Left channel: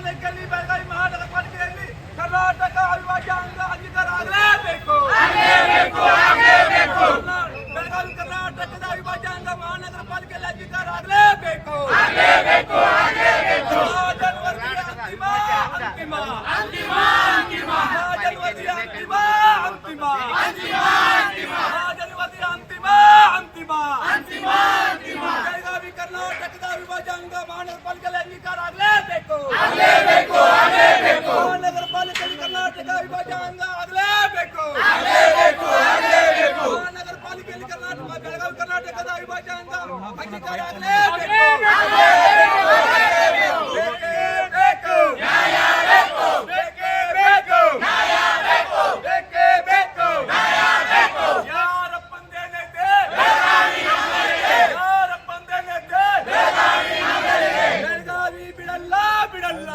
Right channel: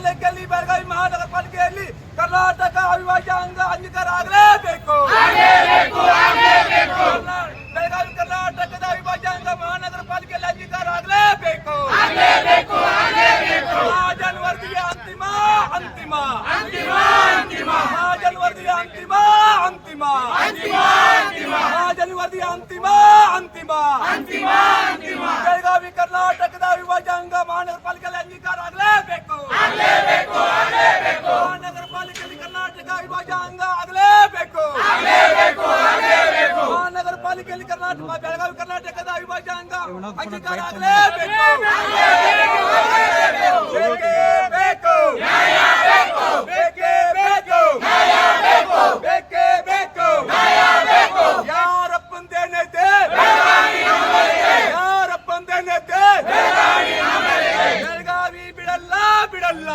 ಪಾಲಿಕೆಯಲ್ಲಿ ಬೆಳಗಾವಿ ಮಹಾನಗರ ಪಾಲಿಕೆಯಲ್ಲಿ ಕರ್ನಾಟಕ ಅವಿಭಾಜ್ಯ ಅಂಗೀಕಾರ ಆಗಲೇಬೇಕು. ಬೆಳಗಾವಿ ಕರ್ನಾಟಕದ ಅವಿಭಾಜ್ಯ ಅಂಗ ಮಹಾನಗರ ಪಾಲಿಕೆಯಲ್ಲಿ ಅಂಗೀಕಾರ ಆಗಲೇಬೇಕು. ಜನವರಿಗೆ ಅಂತಿಮ ಅಂತಿಮ ಜನವರಿಗೆ ಅಂತಿಮ ಅಂತಿಮ ಜನವರಿಗೆ ಅಂತಿಮ ಅಂತಿಮ ಬೆಳಗಾವಿ ಕರ್ನಾಟಕದ ಅವಿಭಾಜ್ಯ ಅಂಗ ಮಹಾನಗರ ಪಾಲಿಕೆಯಲ್ಲಿ ಅಂಗೀಕಾರ ಆಗಲೇಬೇಕು. ಮಹಾನಗರ ಪಾಲಿಕೆಯಲ್ಲಿ ಕರ್ನಾಟಕ ಅವಿಭಾಜ್ಯ ಅಂಗ ಆಗಲೇಬೇಕು. ಮಹಾನಗರ ಪಾಲಿಕೆಯಲ್ಲಿ ಕರ್ನಾಟಕ ಬೆಳಗಾವಿ ಕರ್ನಾಟಕದ ಅವಿಭಾಜ್ಯ ಅಂಗ ಅಂಗೀಕಾರ ಆಗಲೇಬೇಕು. ಬೆಳಗಾವಿ ಬಿಡಲ್ಲ ಬಿಡಲ್ಲ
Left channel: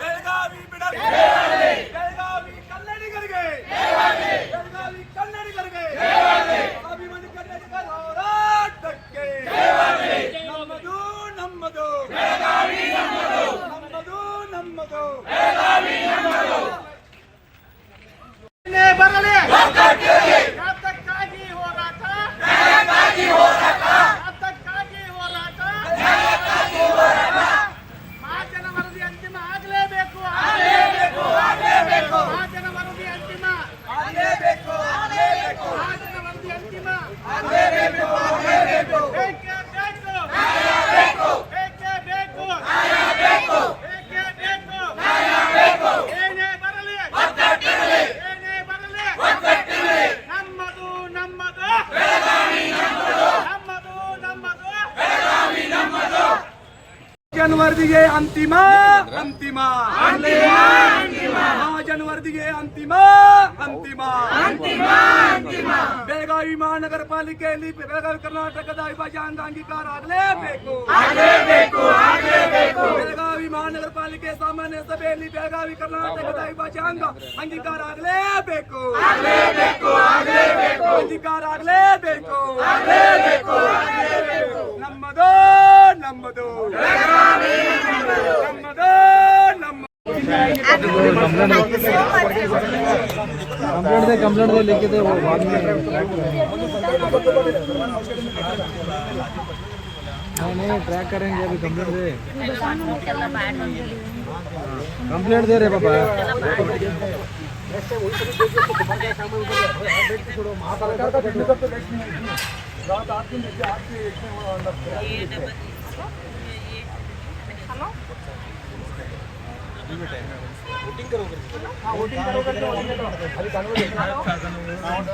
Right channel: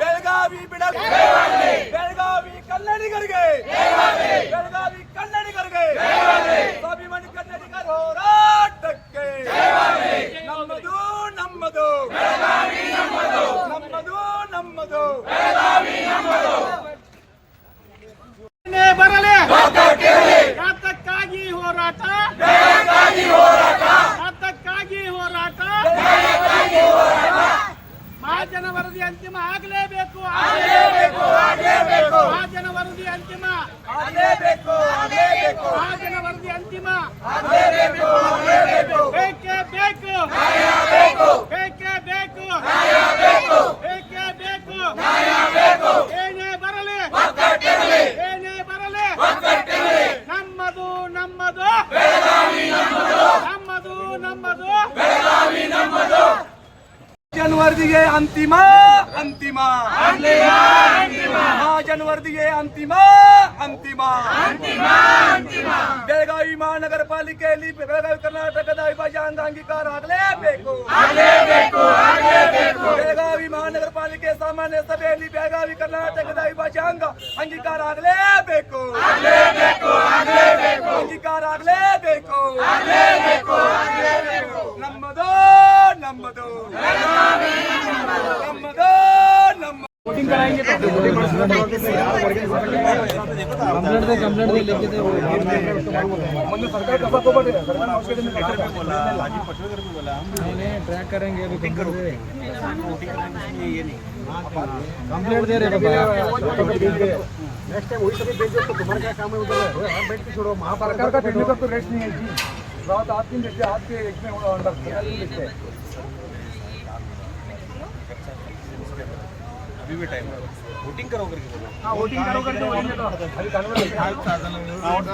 ಬೆಳಗಾವಿ ಬಿಡಲ್ಲ. ಬೆಳಗಾವಿ ಕನ್ನಡಿಗರಿಗೆ ಸ್ವಾಭಿಮಾನಿ ಕನ್ನಡಿಗರ ಹೋರಾಟಕ್ಕೆ ನಮ್ಮದು ನಮ್ಮದು ನಮ್ಮದು ಬರಲಿ ಮತಕ್ಕಾಗಿ ಹೋರಾಟ ಮಹಾಜನ ವರದಿ ಅಂತಿಮ ಆಗಲೇಬೇಕು. ಮಹಾಜನ ವರದಿ ಅಂತಿಮ ಬೇಕೇ ಬೇಕು. ಏನೇ ಬರಲಿ ನಮ್ಮದು ಜನವರಿಗೆ ಅಂತಿಮ ಜನವರಿಗೆ ಅಂತಿಮ ಬೆಳಗಾವಿ ಮಹಾನಗರ ಪಾಲಿಕೆಯಲ್ಲಿ ಬೆಳಗಾವಿ ಕರ್ನಾಟಕದ ಅವಿಭಾಜ್ಯ ಅಂಗ ಅಂಗೀಕಾರ ಆಗಲೇಬೇಕು. ಬೆಳಗಾವಿ ಮಹಾನಗರ ಪಾಲಿಕೆ ಸಾಮಾನ್ಯ ಸಭೆಯಲ್ಲಿ ಬೆಳಗಾವಿ ಕರ್ನಾಟಕದ ಅವಿಭಾಜ್ಯ ಅಂಗ ಅಂಗೀಕಾರ ಆಗಲೇಬೇಕು. ಅಂಗೀಕಾರ ಆಗಲೇಬೇಕು. ನಮ್ಮದು कंप्लेंट दे लिखे थे वो नहीं ट्रैक करेंगे अभी कंप्लेंट दे रहे बाबा छोड़ो महासरकार का तो रेट नहीं है रात आपके अभी भी टाइम है वोटिंग करो करके बोलो। हाँ वोटिंग करो करके बोलेंगे तो अभी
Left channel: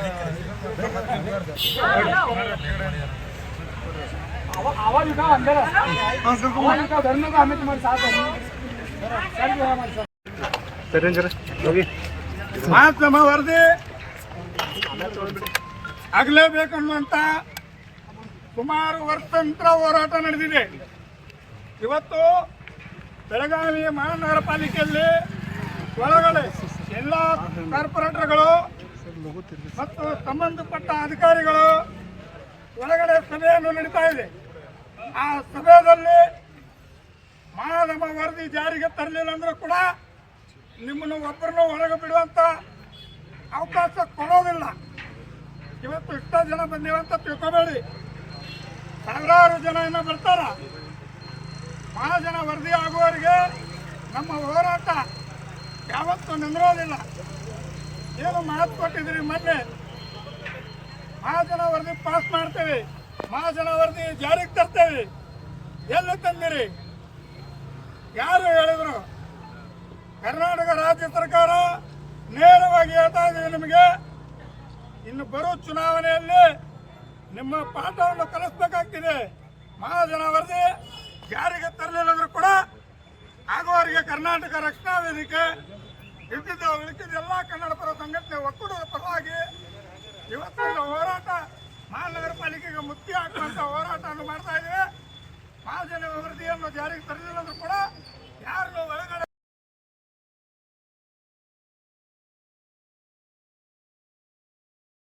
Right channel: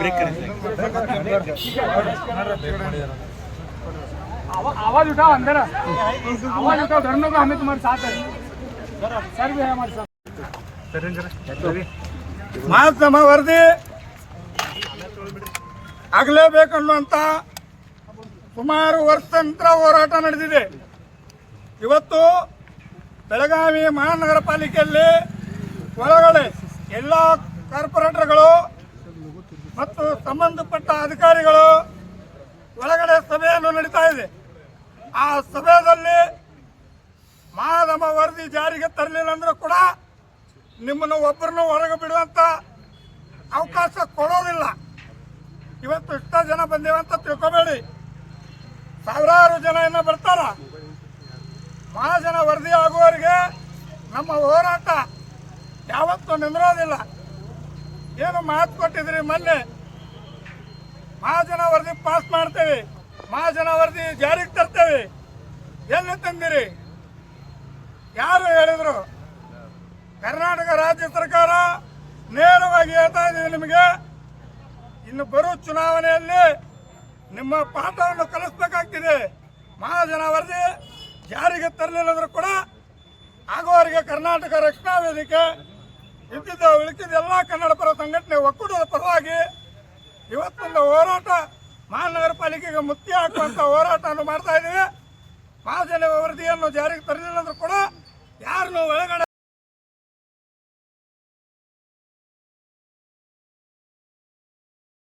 ब्रेक करेंगे। आवाज उठाओ अंदर आवाज उठाओ धर्म को हमें तुम्हारे साथ है सर भी है हमारे साथ ಮಹಾತ್ಮ ವರದಿ ಆಗಲೇಬೇಕು ಅನ್ನುವಂತ ಸುಮಾರು ವರ್ಷಾಂತರ ಹೋರಾಟ ನಡೆದಿದೆ. ಇವತ್ತು ಬೆಳಗಾವಿ ಮಹಾನಗರ ಪಾಲಿಕೆಯಲ್ಲಿ ಒಳಗಡೆ ಎಲ್ಲ ಕಾರ್ಪೊರೇಟರ್ಗಳು ಮತ್ತು ಸಂಬಂಧಪಟ್ಟ ಅಧಿಕಾರಿಗಳು ಒಳಗಡೆ ಸಭೆಯನ್ನು ನಡೀತಾ ಇದೆ. ಆ ಸಭೆಯಲ್ಲಿ ಮಹಾನಗರ ವರದಿ ಜಾರಿಗೆ ತರಲಿಲ್ಲ ಅಂದ್ರೂ ಕೂಡ ನಿಮ್ಮನ್ನು ಒಬ್ಬರನ್ನು ಹೊರಗೆ ಬಿಡುವಂತ ಅವಕಾಶ ಕೊಡೋದಿಲ್ಲ. ಇವತ್ತು ಇಷ್ಟ ಜನ ಬಂದೇವಂತ ತಿಳ್ಕೋಬೇಡಿ, ಸಾವಿರಾರು ಜನ ಇನ್ನ ಬರ್ತಾರ. ಮಹಾಜನ ವರದಿ ಆಗುವವರಿಗೆ ನಮ್ಮ ಹೋರಾಟ ಯಾವತ್ತೂ ನಿಂದಿರೋದಿಲ್ಲ. ಏನು ಮಾತು ಕೊಟ್ಟಿದ್ರಿ ಮೊನ್ನೆ ಮಹಾಜನ ವರದಿ ಪಾಸ್ ಮಾಡ್ತೇವೆ, ಮಹಾಜನ ವರದಿ ಜಾರಿಗೆ ತರ್ತೇವೆ, ಎಲ್ಲಿ ತಂದಿರಿ? ಯಾರು ಹೇಳಿದ್ರು? ಕರ್ನಾಟಕ ರಾಜ್ಯ ಸರ್ಕಾರ ನೇರವಾಗಿ ಹೇಳ್ತಾ ಇದೆ ನಿಮಗೆ, ಇನ್ನು ಬರೋ ಚುನಾವಣೆಯಲ್ಲಿ ನಿಮ್ಮ ಪಾಠವನ್ನು ಕಲಿಸಬೇಕಾಗ್ತಿದೆ. ಮಹಾಜನ ವರದಿ ಜಾರಿಗೆ ತರಲಿಲ್ಲ ಅಂದ್ರೂ ಕೂಡ ಆಗುವವರಿಗೆ ಕರ್ನಾಟಕ ರಕ್ಷಣಾ ವೇದಿಕೆ ಇದ್ದಿದ್ದ ಉಳಿದಿದ್ದ ಎಲ್ಲ ಕನ್ನಡ ಪರ ಸಂಘಟನೆ ಒಕ್ಕೂಟದ ಪರವಾಗಿ ಇವತ್ತೊಂದು ಹೋರಾಟ ಮಹಾನಗರ ಪಾಲಿಕೆಗೆ ಮುತ್ತಿ ಹಾಕುವಂತ ಹೋರಾಟವನ್ನು ಮಾಡ್ತಾ ಇದ್ದೀವಿ. ಮಹಾಜನ ವರದಿಯನ್ನು ಜಾರಿಗೆ ತರಲಿಲ್ಲ ಅಂದ್ರೂ ಕೂಡ ಯಾರನ್ನು ಒಳಗಡೆ